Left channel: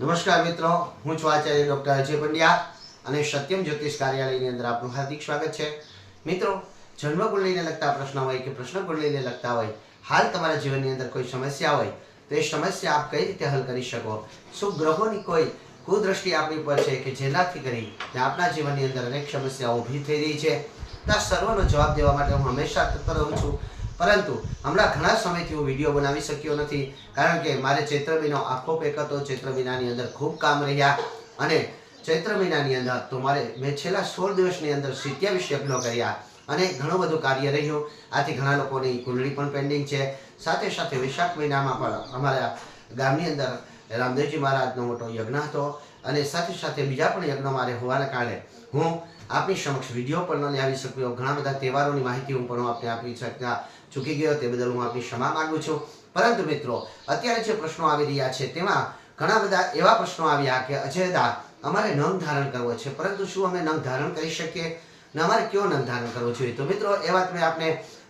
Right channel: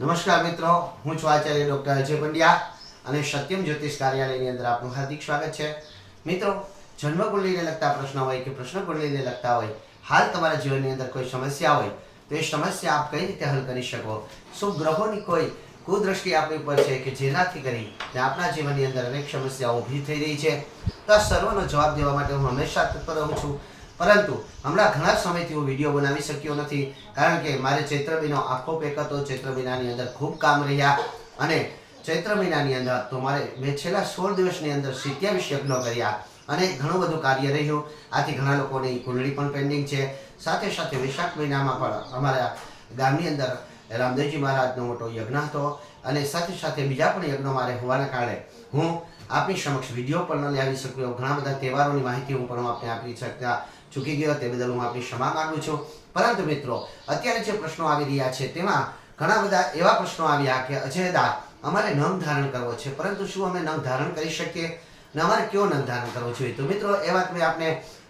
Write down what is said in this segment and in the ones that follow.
નમસ્કાર મિત્રો, હું છું આચાર્ય ડોક્ટર અજય પંડ્યા અને સત્યમ જ્યોતિષ કાર્યાલયની અંદર આપનું હાર્દિક સ્વાગત છે. મિત્રો, જન્મકુંડલીને લગતા પ્રશ્ન હોય કે પ્રશ્નકુંડલીને લગતા હોય, હાલ તમારા જીવનની અંદર કોઈ સમસ્યા હોય તો એ સમસ્યા આપ કઈ રીતે હલ કરી શકો? શું ગ્રહોની કોઈ કુદ્રષ્ટિ આપણી ઉપર છે કે જેનાથી કરી આપણા જીવનની અંદર અનેક સમસ્યાઓ ઊભી થઈ રહી છે? તો આ સર્વનો જવાબ દેવા માટે હું હંમેશા તત્પર રહું છું. પરંતુ હમણાં ઘણા સમયથી હું વિડીયો બનાવી શક્યો નથી, કારણ કે મારે ચૈત્ર મહિનો આખો પેક હતો. ચૈત્ર મહિનાની અંદર ખૂબ કામ રહ્યા અને ચૈત્ર મહિનાની અંદર તો મેં છેલ્લા 16 દિવસની અંદર 27 યજ્ઞો કર્યા અને ઘણું બધું કાર્ય રહ્યું. આથી ઘણા લોકોની કુંડળી પણ પેન્ડિંગ છે. સાથે સાથે વૈશાખ મહિનામાં પણ અમારા ગામની અંદર રામદેવજી મહારાજનો મોટો યજ્ઞ હતો અને સાથે સાથે બીજા પણ યજ્ઞો મારે હોવાના કારણે હું આપની સમક્ષ વિડીયો પણ ન લાવી શક્યો. ઘણા બધા તહેવારોની માહિતી હું પણ આપને આપી શકતા ચૂકી ગયો, તે બદલ હું આપની ક્ષમા માંગુ છું. પરંતુ મિત્રો, અત્યારે જે પ્રશ્નો આવી રહ્યા છે તેમાં ઘણા બધા એવા પ્રશ્નો આવ્યા કે અજયદા, અમારે નંગ ધારણ કરવો છે, પરંતુ શું અમે નંગ ધારણ કરી શકીએ ને અમારે કયો નંગ ધારણ કરવો જોઈએ? તો મિત્રો, એ વાત મેં આપને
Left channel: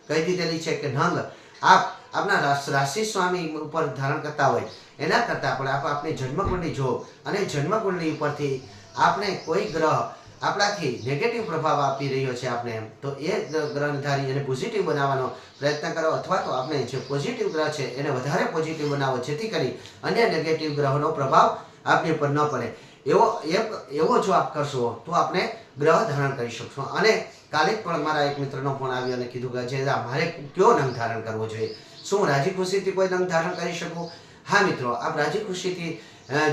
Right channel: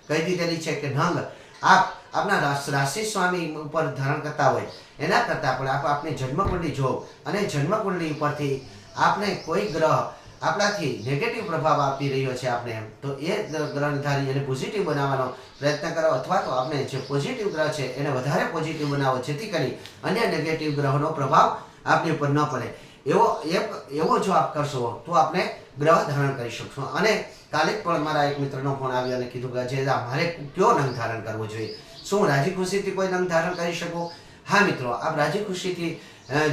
કહી દીધેલી છે કે નંગ આપના રાશિ સ્વામી ઉપર ધારણ કરતા હોય એના કરતાં પણ આપની જન્મકુંડલી જો અને જન્મકુંડલી ઉપરથી આપને કોઈ ગ્રહ આપણાથી નેગેટિવ પ્રભાવ આપી રહ્યો છે આપણે, તો એ ગ્રહને ધારી એને પોઝિટિવ બનાવવાનો પ્રયત્ન કરો, અથવા તો આપણે જે પોઝિટિવ ગ્રહ છે એને વધારે પોઝિટિવ બનાવો, જેથી કરી અન્ય નેગેટિવ ગ્રહોનો પ્રભાવ આપણી ઉપર ન પડે. એવો જો આપ કરશો તો આપણે ગ્રહ ધારણ કરી શકશો. અને કાલે પણ મારા એક મિત્રનો ફોન આવ્યો અને કીધું કે જે મારે કયો નંગ ધારણ કરવો જોઈએ? શું રાજી ખુશીથી કોઈ નંગ ધારણ કરી શકું? હા મિત્રો, આપ રાજી ખુશીથી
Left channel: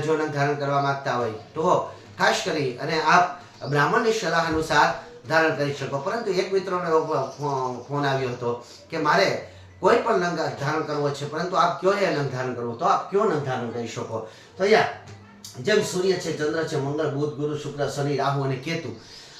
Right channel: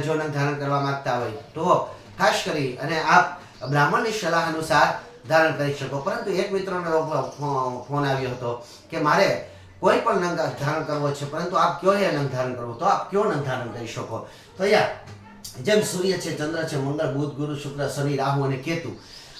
જો નંગ ધારણ કરવા માંગતા હોય તો ખાસ કરી અને આપ બ્રાહ્મણની સલાહ અનુસાર ધારણ કરી શકો. પરંતુ એક મિત્રનો ફોન આવ્યો હતો કે મારે કોઈ પણ નંગ ધારણ કરવો છે, પરંતુ આપ કયો એ નંગ ધારણ કરવો? તો આપ કયો નંગ ધારણ કરી શકો? તો યાર, જેમ સૂર્ય છે, ચંદ્ર છે, મંગળ, બુધ, ગુરુ, શુક્ર, શનિ, રાહુ અને કેતુ,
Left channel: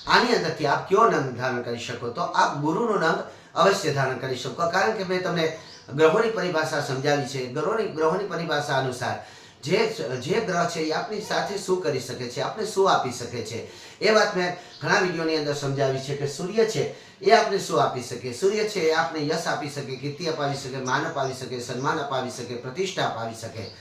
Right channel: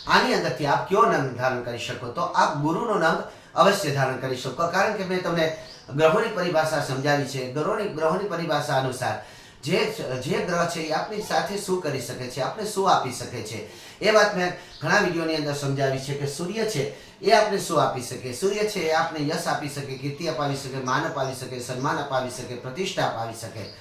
આની અંદરથી આપ કયો નંગ ધારણ કરી શકો? તો આપ ગુરુનો નંગ અવશ્ય ધારણ કરી શકો. કારણ કે મેં તમને ગ્રહોની પરિભાષા સમજાવી છે. ગ્રહોની પરિભાષા અનુસાર જે ગ્રહ છે એ આપણી સાથે શું કરી શકે છે, આપણે શું આપી શકે છે, એ વાત મેં ઘણા વિડીયોની અંદર સમજાવી છે. કે સૂર્ય છે એ આપણે શું આપી શકે? સૂર્ય છે એ આપણે યશ આપી શકે, કીર્તિ અપાવી શકે, માન અપાવી શકે, સન્માન અપાવી શકે, પ્રતિષ્ઠા અપાવી શકે.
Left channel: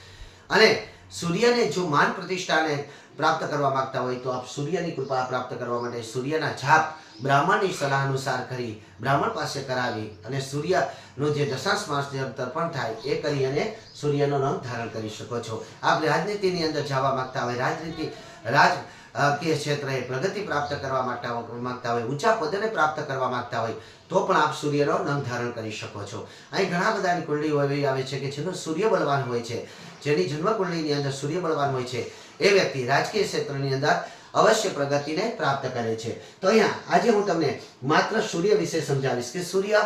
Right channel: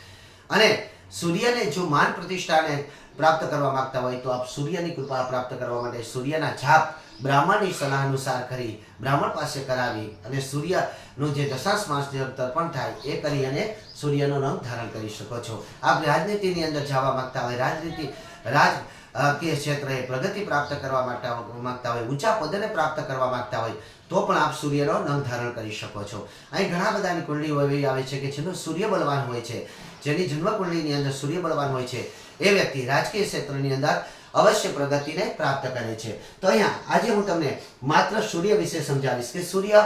અને સૂર્યને જો માન પ્રતિષ્ઠાને પ્રાપ્ત કરવા માંગતા હોય તો આપ સૂર્યની કૃપા પ્રાપ્ત કરવા માટે સૂર્યના જાપ બ્રાહ્મણની સલાહ અનુસાર કરી, બ્રાહ્મણ પાસે કરાવી અને સૂર્યનું જે દશાંશ માસ જે તર્પણ થાય એ કરી અને સૂર્યનો રંગ ધારણ કરી શકો છો. આપ રાજનીતિની અંદર જવા માંગતા હોય, રાજકીય ક્ષેત્રે પ્રગતિ પ્રાપ્ત કરવા માંગતા હોય, ઊંચા પદને પ્રાપ્ત કરવા માંગતા હોય તો પણ આપ સૂર્યનો રંગ ધારણ કરી શકો છો. અહીં ઘણા બધાની કુંડલીઓ એવી આવે છે કે જેનો સૂર્ય બળવાન હોય છે, જેની જન્મ કુંડલીની અંદર સૂર્ય બળવાન હોય છે, એ વ્યક્તિ રાજકીય ક્ષેત્રની અંદર અવશ્ય પ્રગતિને પ્રાપ્ત કરે છે. તો અહીંયા આજે હું તમને માત્ર સૂર્ય વિશે સમજાવીશ કે સૂર્ય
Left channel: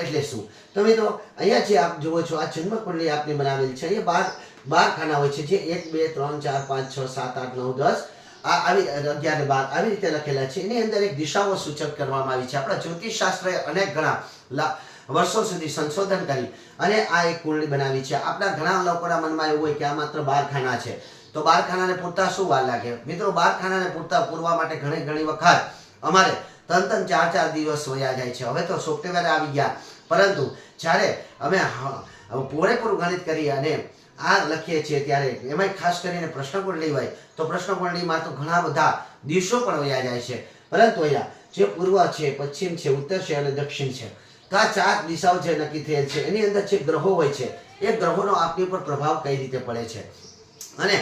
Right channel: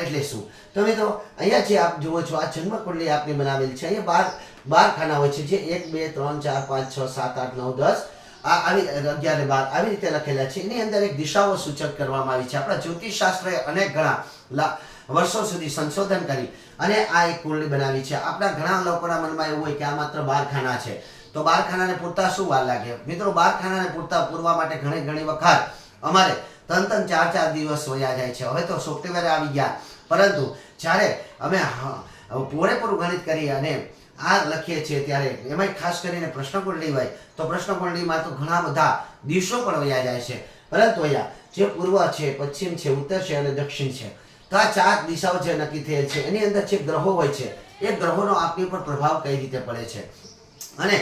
એટલે શું. તો મિત્રો, અહીંયા જે આપ જુઓ છો આ જન્મ કુંડલી આપને બનાવેલ છે. અહીંયા 12 ખાના હોય છે, જે 1 2 3 4 5 6 7 8 9 10 આવી 11 12 આવી રીતે લખેલા છે. એની અંદર એક દિશાઓ સૂચક કરવામાં આવી છે. આપણા જ્યોતિષ શાસ્ત્રએ અનેક ઘણા વર્ષો સુધી સંશોધન કરી અને આ એક કુંડલી બનાવી છે. આપણા ઘણા લોકોના મનમાં એવું હોય કે આ માત્ર 12 ખાના છે, તો 12 ખાનાને પૂરતા શું વાર લાગે? મિત્રો, 12 ખાનાને પૂરવા માટે ઘણી વખત અમારે 3 4 દિવસ વયા જાય છે. હવે તો સોફ્ટવેર આવી ગયા, પરંતુ જ્યારે અમે પૂરેપૂરું ગણિત કરી અને આ લખીએ છીએ ત્યારે એમાં ખાસ કરીને પ્રશ્નકુંડલી હોય તો પ્રશ્નકુંડલીમાં તો ઘણા બધા દિવસો પણ વયા જાય છે. પરંતુ અહીંયા જે પૂર્વ છે, પશ્ચિમ છે, ઉત્તર છે અને દક્ષિણ છે, તો આ 4 દિશાઓ જે નક્કી થયેલ છે એની અંદર જે ગ્રહો હોય છે એ ગ્રહોનો આપણી પર પ્રભાવ કઈ રીતે પડે છે. અને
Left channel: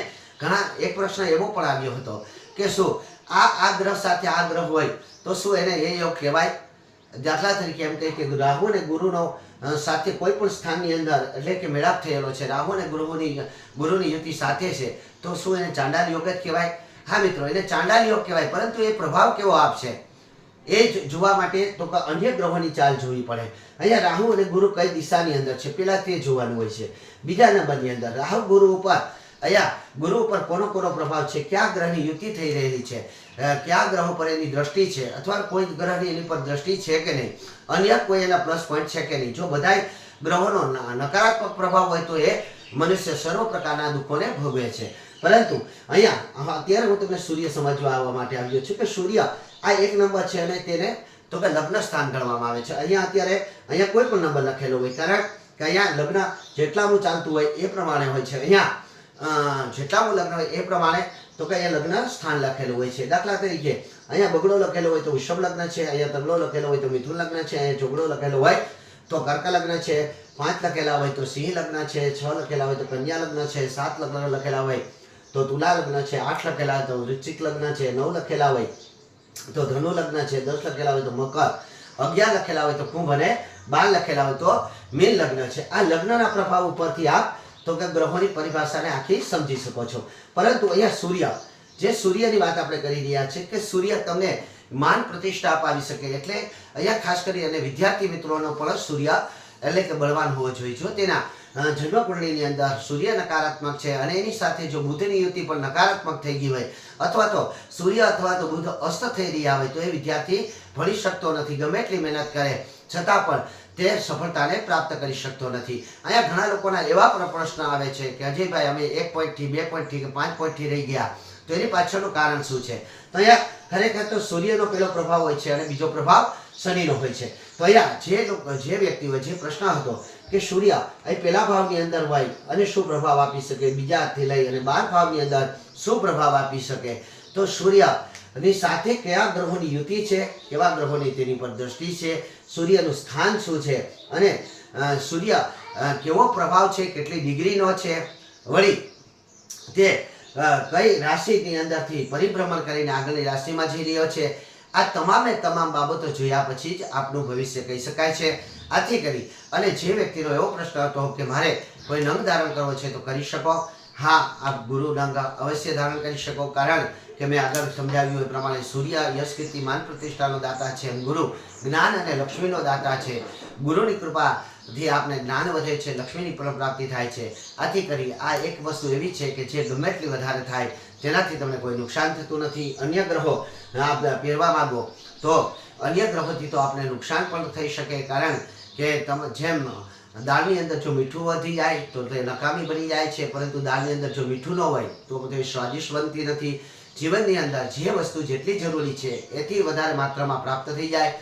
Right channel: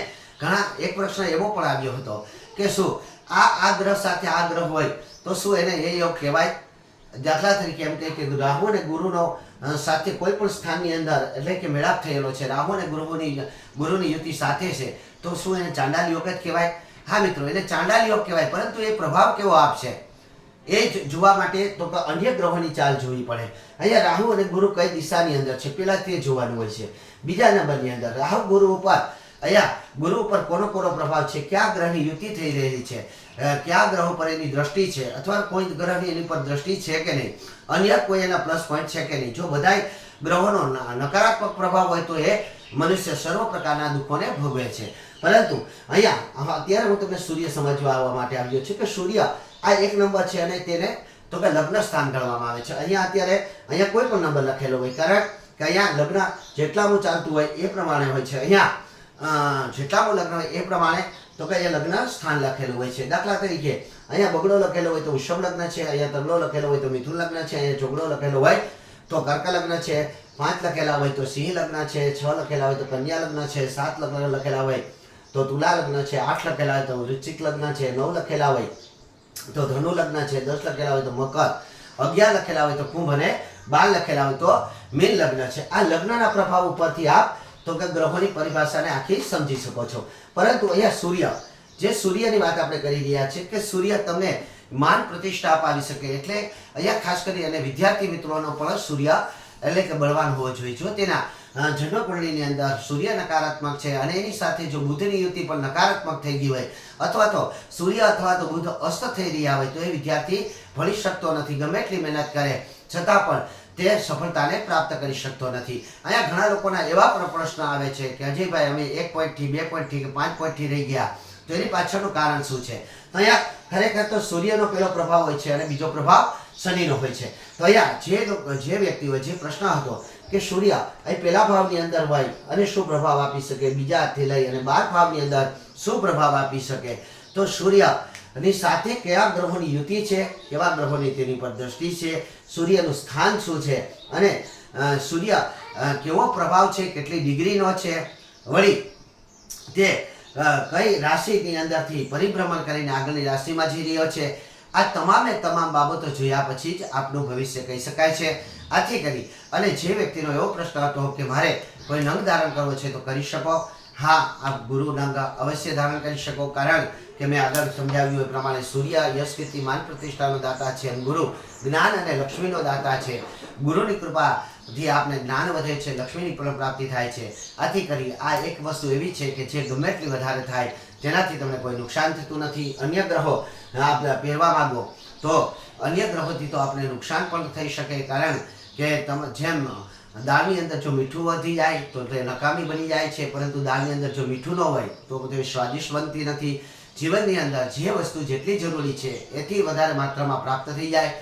એક પ્રશ્ન એવો પણ આવ્યો હતો કે શું આ ગ્રહ સાથે આ ગ્રહ હોય તો શું એને એ યોગ કહેવાય? દાખલા તરીકે એમ કહીએ કે રાહુ અને ગુરુનો સાથે કોઈ પણ સ્થાનની અંદર એટલે કે મેળાપ થયેલો છે, રાહુ અને ગુરુની યુતિ સાથે છે, તો શું એને ચાંડાલ યોગ જ કહેવાય? હા મિત્રો, એને ચાંડાલ યોગ કહેવાય. પરંતુ એ પ્રભાવ કેવો આપશે એ જોવા માટે તો અન્ય ગ્રહોની ચાલ જોવી પડે. અહીંયા રાહુ અને ગુરુ કઈ દિશાની અંદર છે પેલા તે જોવાનું હોય છે. બીજા નંબરની અંદર રાહુ ગુરુ ઉપર, અહીંયા ગુરુ ઉપર કોનો પ્રભાવ છે, કયા ગ્રહની યુતિ થઈ રહેલી છે, કયા ગ્રહો પર એની દ્રષ્ટિ છે, અથવા કોઈ ગ્રહની એની પર દ્રષ્ટિ છે કે નહીં, અન્ય કોઈ એના પ્લસ પોઈન્ટ છે કે નહીં. જો બધાય ગ્રહોનો નકારાત્મક પ્રભાવ હોય તો એ મનુષ્ય સર્વ પ્રકારના દુઃખોને ભોગવે છે. પરંતુ અહીંયા અત્યારે હું તમને સૂર્ય સમજવા આવવા માટે આવ્યો છું કે સૂર્ય આ 1 નંબર છે અને તેને તો કે લગ્ન સ્થાન ગણવામાં આવે છે. અહીંયા કોઈ પણ નંબર લખેલો હોય, કારણ કે અહીંયા લગ્ન જેટલાનું ચાલતું હોય એ પ્રમાણે હોય છે. અહીંયા જેટલામાં લગ્ન હોય એ પ્રમાણે તો કે અહીંયા લગ્ન સ્થાન લખેલું હોય છે. દાખલા તરીકે અહીંયા બગડો લખેલો હોય તો વૃષભ લગ્ન છે, અહીંયા તબલો લખેલો હોય તો મિથુન લગ્ન છે, અહીંયા ચોગડો લખેલો હોય તો કર્ક લગ્ન છે, 5 લખેલા હોય તો સિંહ લગ્ન છે, 6 લખેલા હોય તો કન્યા લગ્ન છે, 7 લગ્ન લખેલા હોય તો તુલા લગ્ન છે, 8 લખેલા હોય તો વૃશ્ચિક લગ્ન છે, 9 લખેલા હોય તો ધનુ લગ્ન છે, 10 લખેલા હોય તો મકર, 11 લખેલા હોય તો કુંભ અને 12 લખેલા હોય તો મીન લગ્ન છે. આ લગ્નના પ્રભાવ ઉપરથી આપ તો કે ગ્રહોની પરિભાષાને આખી સમજી શકો છો. પરંતુ અહીંયા સૂર્ય, જે સૂર્યની વાત આપણે કરી રહ્યા છીએ કે સૂર્ય તમને માન પ્રતિષ્ઠા અપાવી શકે, એટલે અહીંયા ખાસ કરી અને વિદ્યાર્થી મિત્રોનો પણ સૂર્ય એટલે કે બળવાન હોવો જોઈએ. જો તેના જન્મકુંડળીની અંદર સૂર્ય નકારાત્મક છે અને એની સાથે જો બુધની યુતિ પણ નકારાત્મક થઈ ગઈ હોય અથવા તો સૂર્ય અથવા તો બુધ અસ્ત થઈ રહ્યા હોય તો એ વિદ્યાર્થી ભણી શકતો નથી. ગમે એટલી મહેનત કરે છતાં પણ તે સફળતાને પ્રાપ્ત કરી શકતો નથી. અહીંયા ઘણા લોકોના એવા પણ પ્રશ્ન આવે છે કે અજયભાઈ અમે 1 પોઈન્ટથી 2 પોઈન્ટથી કે 5 પોઈન્ટથી રહી ગયા, તો એની પાછળનું કારણ શું છે? તો અહીંયા ખરેખર તો સૂર્યનો પહેલો પ્રભાવ હોય છે અને બીજો પ્રભાવ શનિનો હોય છે. તો અહીંયા જે વ્યક્તિ હોય, જે પ્રશ્ન હતો કે સૂર્ય અહીં પહેલા ભાવની અંદર હોય અને શું પ્રભાવ આપી શકે, બીજાથી લઈ અને 12 ભાવની અંદર શું પ્રભાવ આપી શકે, તો સૂર્યની સાથે કયા ગ્રહોની યુતિ છે, કેવા ગ્રહોની તેની પર દ્રષ્ટિ છે, સૂર્યનું સ્થાન શું છે અને સૂર્ય કેવો પ્રભાવ છે, કેટલી ડિગ્રીનો છે, વળી તે કઈ રાશિની અંદરથી પરિભ્રમણ કરીને આગળની રાશિમાં જઈ રહ્યો છે. આ તમામે તમામ બાબતો જોયા પછી જ આપણું ભવિષ્ય કહી શકાય છે. આથી કરી અને જે વ્યક્તિનો એવો પ્રશ્ન હતો કે મારે કોઈ નંગ ધારણ કરવો છે તો કરી શકો. હા, આપ ગુરુ નંગ અવશ્ય ધારણ કરી શકો, કારણ કે મેં આગળ સમજાવ્યું એ પ્રમાણે સૂર્ય યશ કીર્તિ માન પ્રતિષ્ઠાનો દાતા છે, ગુરુ જ્ઞાન અને લક્ષ્મીનો દાતા છે. ગુરુની કૃપાથી આપને જ્ઞાન વધે છે, લક્ષ્મીની પણ પ્રાપ્તિ થાય છે. આથી કરી આ એક વસ્તુ એવી છે કે જે ગમે એટલી વધારે થાય જેનાથી તમને કોઈ નુકસાન થતું નથી. અન્ય ગ્રહો આપણે પહેરવા માંગો તો અન્ય ગ્રહોથી તો આપણે નુકસાન પણ થઈ શકે, કારણ કે જેમ દાળની અંદર જો મીઠું વધી જાય તો તે નકામી બની જાય છે, પરંતુ દાળની અંદર જો મીઠું ન હોય તો તે સ્વાદિષ્ટ બનતી નથી. જીવનની અંદર જે વસ્તુ જેટલી જરૂરી છે એથી વધારે માત્રામાં પ્રાપ્ત થઈ જાય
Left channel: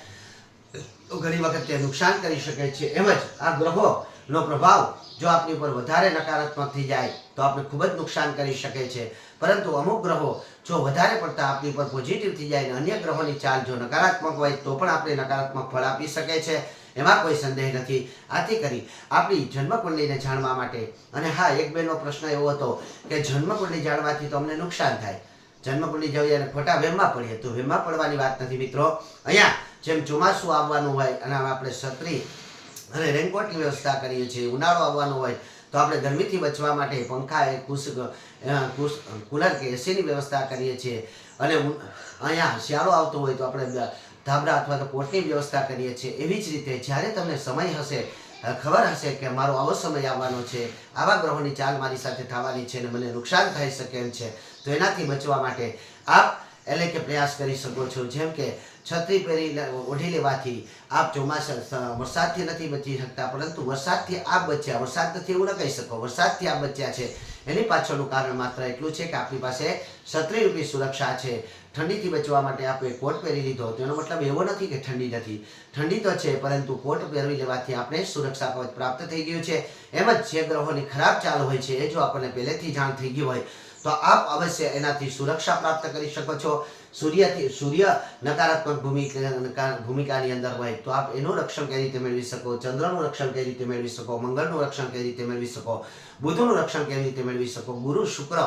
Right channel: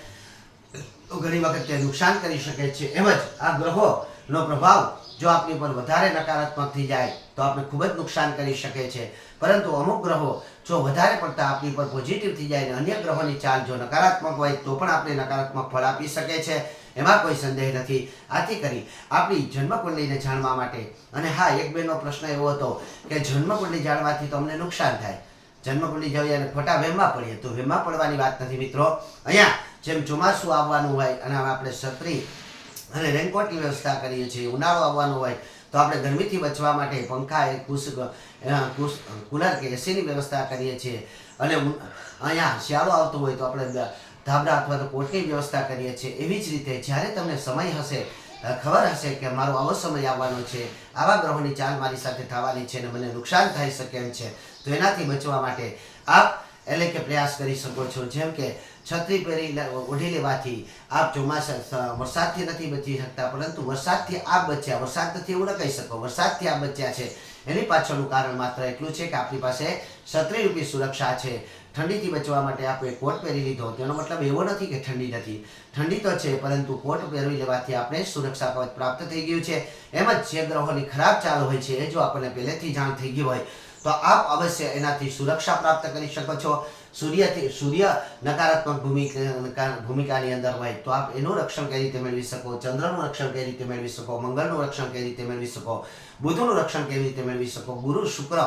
તો ઘણી વખત તે નુકસાન કરી શકે છે. એમ જ આ ગ્રહોનો પ્રભાવ જો આપની પર વધારે નકારાત્મક થઈ જાય તો આપણે ખૂબ જ નુકસાન કરી શકે છે. પરંતુ અમુક ગ્રહો જો વધારે પડતા આપની પર પોઝિટિવ થઈ જાય અને અન્ય ગ્રહોની ચાલ જો નકારાત્મક હોય તો પણ આપણે નકારાત્મક ફળ આપી શકે છે, એમાં કોઈ સંદેહ નથી. આથી કરી આપણી જન્મકુંડલીને જાણવા માટે, અને હા, એક બેનો પ્રશ્ન એવો હતો કે જન્મકુંડલી જાણવાથી તો અમને નુકસાન થાય, જન્મકુંડલી જોઈએ અને ખોટા વહેમમાં પડીએ, તો વહેમમાં પડવાની વાત નથી મિત્રો. અહીંયા જેમ ચોમાસું આવવાનું હોય અને આપણે છત્રી અને રેનકોટની વ્યવસ્થા કરીએ છીએ, ઉનાળો આવવાનો હોય તો આપણે ગરમીથી બચવા માટે પંખા કુલર કે એસીની વ્યવસ્થા કરીએ છીએ, અને અહીંયા શિયાળો આવતો હોય તો આપણે ધાબળા અથવા તો કોટની વ્યવસ્થા કરીએ છીએ. એવી જ રીતે જ્યારે તમને સમય હશે, ખબર હશે કે મારો આવો સમય આવવાનો છે, આવા ગ્રહોની ચાલ મારી સાથે થવાની છે અને મને નુકસાન થઈ શકે એમ છે, તો એનાથી બચવા માટે આપ એટલે કે પ્રયાસ કરી શકો છો. જેમ કે છત્રી પહેરી ઓઢી લેવાથી આપ ચોમાસા વરસાદથી નથી બચી શકતા, પરંતુ વરસાદથી આપ બચ્યા, વરસાદ નથી એવું ન કહી શકો, વરસાદથી આપ બચ્યા છે. એની પાછળનું કારણ માત્ર એટલું છે કે આપણી પાસે છત્રીરૂપી સુરક્ષા છે. ઠંડીથી બચવા માટે આપણે કોટ પહેરી લીધો, તેનો મતલબ એવો નથી કે ઠંડી નથી, ઠંડી તો છે, પરંતુ કોટ પહેરવી લેવાથી આપણે સુરક્ષા કવચ પ્રાપ્ત થઈ ગયું છે. એમ જ જે ગ્રહોની ખરાબ ચાલ હોય છે એ જો આપણને પહેલેથી જાણ થઈ ગઈ હોય તો આપ અવશ્ય એનાથી સુરક્ષા પ્રાપ્ત કરી શકો છો. સૂર્ય નકારાત્મક ભૂમિકાની અંદર હોય તો આપ એનું રક્ષણ કઈ રીતે મેળવી શકો, ચંદ્રનું રક્ષણ કઈ રીતે મેળવી શકો, મંગળનું રક્ષણ કઈ રીતે મેળવી શકો, બુધનું રક્ષણ કેવી રીતે મેળવી શકો, ગુરુ શુક્ર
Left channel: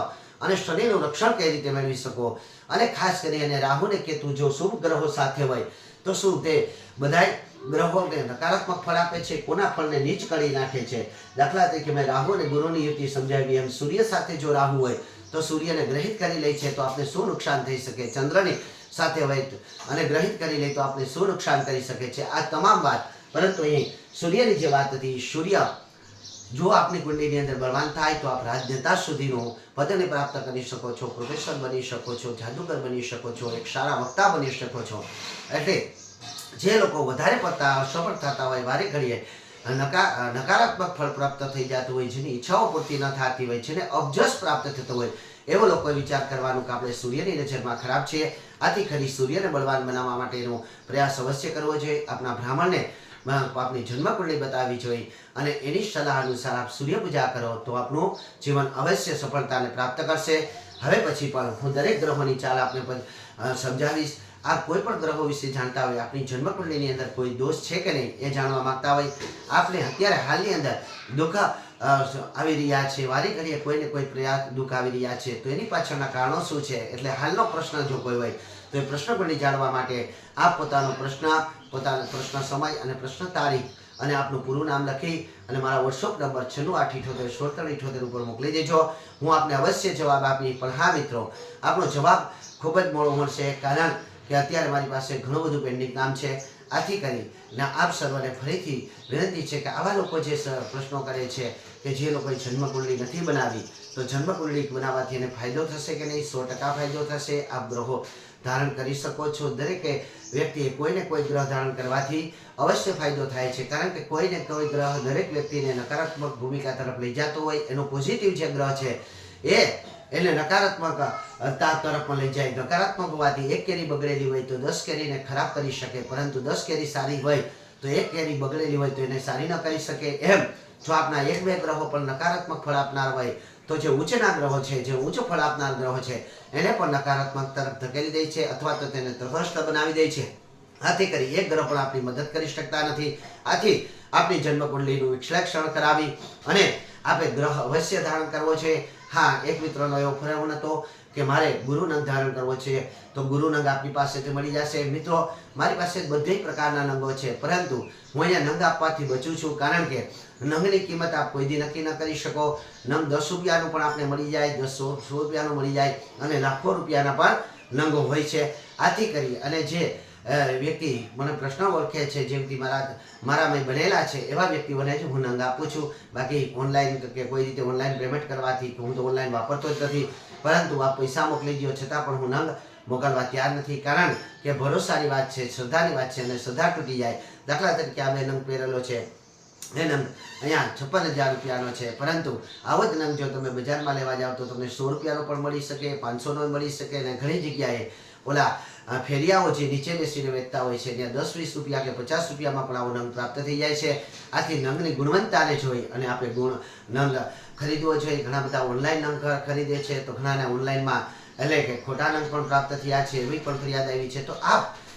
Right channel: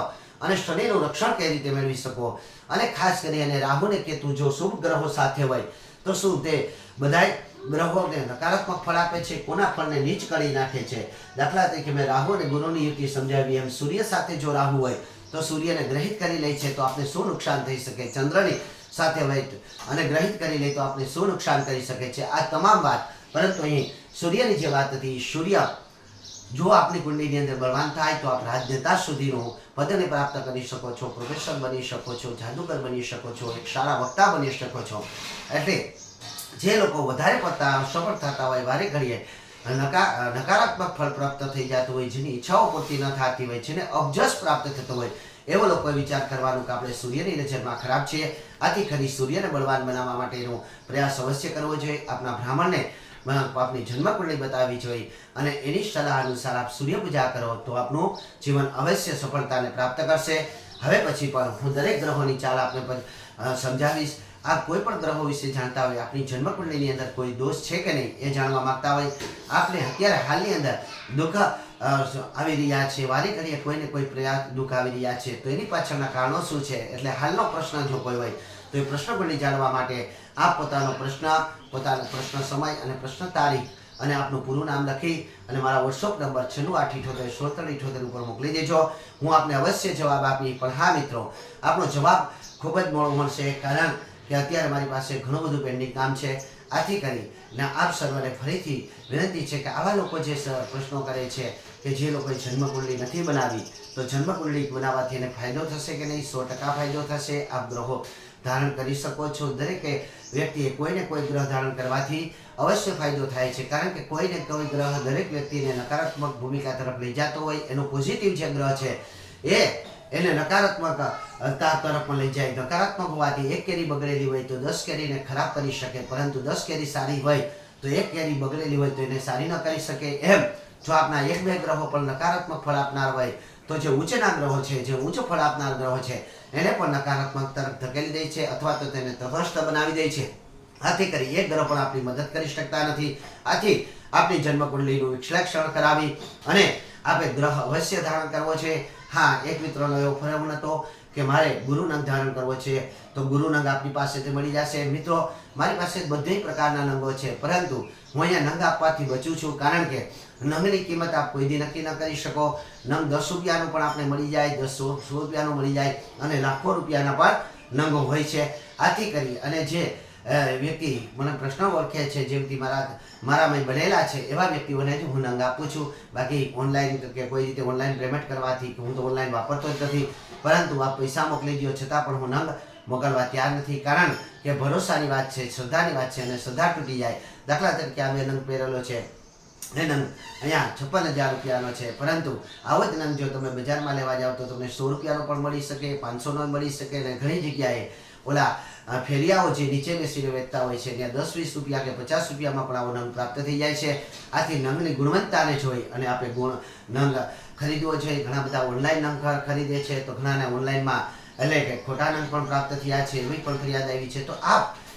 અને શનિનું રક્ષણ કઈ રીતે મેળવી શકો, અને ખાસ કરીને રાહુ ને કેતુ જો શુભ ગ્રહો સાથે હોય તો શું તે બધાય ગ્રહોને નકારાત્મક ફળ આપે છે, કોના ફળને નીચ કરી નાખે છે. દાખલા તરીકે મેં રાહુ અને ગુરુની યુતિ સમજાવી, એમ સૂર્ય સાથે જો રાહુ હોય તો સૂર્યને ગ્રહિત કરી લે છે તો આપણે શું નુકસાન થઈ શકે, ચંદ્રની સાથે હોય અને ગ્રહિત કરી લે તો આપણે શું નુકસાન કરી શકે છે, આ તમામ વાત. પરંતુ અહીં સૂર્યની જે વાત હતી, સૂર્ય જો આપની કુંડલીની અંદર બળવાન થાય તો આપ રાજનેતા સુધીનું પદને પ્રાપ્ત કરી શકો છો, પ્રોફેસર બની શકો છો, જાદુગર બની શકો છો, એક સારા વક્તા બની શકો છો. એટલે જે લોકો વધારે પડતા સફળ થતા હોય, વારે ઘડીએ નકારાત્મક ફળ પ્રાપ્ત થઈ જતું હોય, જેની ઈચ્છાઓ પૂર્તિ ન થતી હોય, જેને અબજસ પ્રાપ્ત થતો હોય, એવો લોકોએ વિચાર કરવાનું કે આપણે સૂર્યની નજરમાં ખરાબ છીએ. આથી ખરી સૂર્યને બળવાન બનાવવા માટેનો પ્રયાસ અવશ્ય કરવો જોઈએ. આપણા બ્રાહ્મણને આપની જન્મકુંડળી બતાવવી જોઈએ અને એની સલાહ અનુસાર આપ સૂર્ય પૂજા કરો તો આપનું જીવન અવશ્ય સફળતાને પ્રાપ્ત કરશે. હવે પછી પણ હું દરેક ગ્રહોની ચાલ આપને સમજાવીશ. આપ કોઈ પણ ગ્રહો વિશે જાણતા હોય, આપની જન્મકુંડળીની અંદર કોઈ દોષ છે કે નહીં એ જાણવા માંગતા હોય, આપને અત્યારે હાલની અંદર દુઃખ આવી રહ્યા છે, વારી કરીએ કોઈને કોઈ પ્રયાસ દુઃખ આવી રહ્યા છે, તો એની પાછળના કારણો શું છે, એટલે હાલનો પ્રશ્ન જો કોઈ હોય તો એ પ્રશ્ન કુંડળી જાણવા માટે આપ પોતાનો પ્રશ્ન સમય અને પ્રશ્ન તારીખ અને આપનું પૂરું નામ લખી અને મારા વોટ્સઅપ નંબર 967877 ઉપર મોકલી દેજો. હું આપને અવશ્ય જવાબ આપી. પણ હા મિત્રો, આપનો જવાબ ખૂબ જ મોડો મળશે, કારણ કે અત્યારે મારી પાસે ઘણું બધું પેન્ડિંગ કામ છે. આથી કરીને આપ સર્વને ફરીથી વિનંતી છે કે આવા લોકો જે પ્રશ્નો કરે છે કે જે લોકોએ જન્મકુંડળી નથી બનાવી, તો જન્મકુંડળી બનાવવાથી એને ફાયદો થશે કે નહીં? 100% ફાયદો થશે. આપ ગ્રહો ધારણ કરી શકો છો. દરેકે વ્યક્તિએ કોઈને કોઈ ગ્રહ ધારણ કરવાથી અવશ્ય ફાયદો થાય છે, કારણ કે કોઈને કોઈ ગ્રહ દરેક વ્યક્તિને નકારાત્મક ભૂમિકા તરફ લઈ જતો હોય. એનો પોઝિટિવ જે ગ્રહ છે એ એને નકારાત્મક તરફમાં લઈ જાય. નકારાત્મક હોવાથી એક કેરી બગડેલી હોય તો 10 કેરીને ખરાબ કરી શકે, પરંતુ 10 કેરી સારી હોય તો એક કેરી બગડેલી હોય તો એને સારી ન કરી શકે. એમ જો આપના 1-2 ગ્રહો પણ નકારાત્મક ફળ આપનાર હોય તો જે ઉચ્ચના ગ્રહો છે, જે ઉચ્ચ ફળ આપનાર ગ્રહો છે, એને પણ નકારાત્મક તરફ ધકેલી દે છે અથવા તો તેને તટસ્થ બનાવી દે છે. આથી કરી એક ગ્રહ પણ આપણી મદદ કરી શકતા નથી. આથી આપણી જન્મકુંડળીનું વિશ્લેષણ કરાવી અને આપણે ગ્રહ અવશ્ય ધારણ કરવો છે. હા, એક મિત્રનો એવો ફોન હતો કે મારે ગુરુ નંગ ધારણ કરવો છે, તો ગુરુ નંગ આપની પાસેથી મળી જશે. મિત્રો, મારી પાસે બધી પ્રકારના નંગો છે, પરંતુ હું અહીંયા નંગ આપવાથી બચું છું, કારણ કે નંગની કિંમત આપ કોઈ દી નક્કી ન કરી શકો. નંગ 10 રૂપિયાનું પણ આપણે મળી જાય, 100 રૂપિયાનું મળી જાય અને લાખો રૂપિયાના પણ નંગો હોય છે. આથી કરી અને જે વ્યક્તિ મને પ્રશ્ન ઓળખે છે, જેમ કે મારામાં બનેલા છે, એવા વ્યક્તિઓને જ હું નંગ આપું છું. બાકી ઓનલાઈન કે કોઈ રીતે ઓનલાઈન પેમેન્ટ કરવાથી, હું તો ઓનલાઈન વાપરતો જ નથી, પરંતુ આપ પૈસા મોકલી દો છતાં પણ હું નંગ મોકલવા તૈયાર નથી, કારણ કે ભરોસાની વાત છે, શ્રદ્ધાની વાત છે, અને શ્રદ્ધા તૂટી જાય. દાખલા તરીકે આ મેં નંગ પહેરેલો છે, એ નંગ અહીંયા 56,000 રૂપિયાનો છે, પરંતુ આવો જ નંગ જો તમે બજારમાં લેવા જાઓ તો તમને 100 રૂપિયાનો પણ મળી શકે, 500નો મળી શકે, અને ઘણી જગ્યાએ ઓલા ફેરિયાઓ જે નીચે બેસીને વેચતા હોય છે ત્યાં 10-20 રૂપિયા કે 50 રૂપિયામાં પણ આવો નંગ પ્રાપ્ત થઈ જાય છે. આથી નંગની ગુણવત્તાને જોઈ અને આપણે નંગ ખરીદવો જોઈએ. ઘણા બધા ઓનલાઈન નંગ ખરીદે છે, તો ઘણાને ઓનલાઈનમાં એટલે કે ખોટા નંગ પણ પ્રાપ્ત થયા છે, એવી પણ ફરિયાદ આવી છે. તો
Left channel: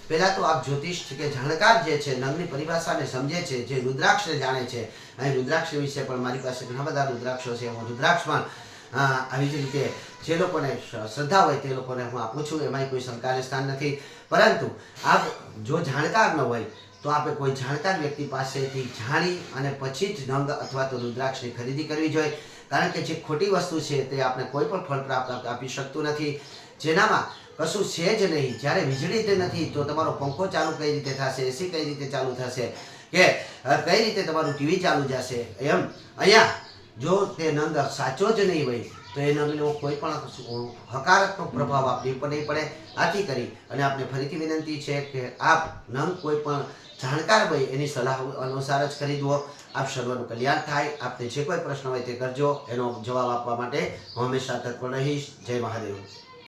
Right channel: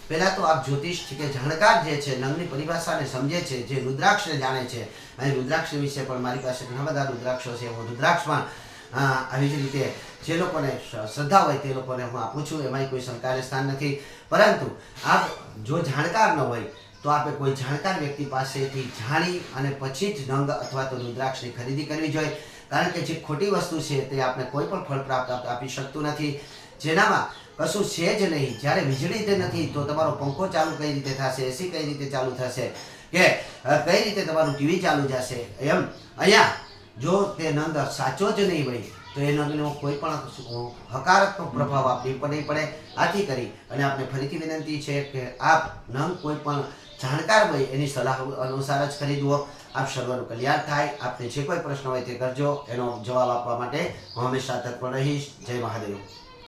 પહેલા તો આપ જ્યોતિષ કે જાણકાર જે છે, નંગની પરિભાષાને સમજે છે, જે રુદ્રાક્ષને જાણે છે. અહીં રુદ્રાક્ષ વિશે પણ મારી પાસે ઘણા બધા રુદ્રાક્ષો છે. હું રુદ્રાક્ષમાં આવી જ રીતે જે લોકોને શ્રદ્ધા હોય તે લોકોને હું આપું છું, એમાં કોઈ શંકાને સ્થાન નથી. પરંતુ આપ જો જાણકાર ન હોય તો આપણે કોઈ જાણકાર વ્યક્તિ પાસેથી જાણી અને પછી જ નંગ અથવા તો રુદ્રાક્ષની ખરીદી કરવી જોઈએ, કારણ કે જે ખોટી વસ્તુ છે તે આપણે કોઈ પણ ફળ પ્રાપ્ત આપી શકતું નથી, જેનામાં કશું છે જ નહીં. જ્યારે વીજળી જ નથી તો તમારો પંખો ચાલુ કઈ રીતે થશે, એસી કઈ રીતે ચાલુ થશે, કે કઈ રીતે તમારું ટીવી ચાલુ જશે? એમ અહીંયા જો તે નંગ સાચો જ નહીં હોય તો એ નંગનો કોઈ પણ હકારાત્મક પ્રભાવ આપવી નહીં પડે. આથી કરી અને આપને ફરીથી વિનંતી છે કે આપ નંગ કોઈ પણ જાણકાર હોય એની સલાહ અનુસાર જ ખરીદવો. આપ સર્વનું કલ્યાણ થાય. આપને જે કોઈ પ્રશ્ન હોય તે કરજો, એનો જવાબ આપવા માટે હું હંમેશા તત્પર રહીશ. જય મહાદેવ.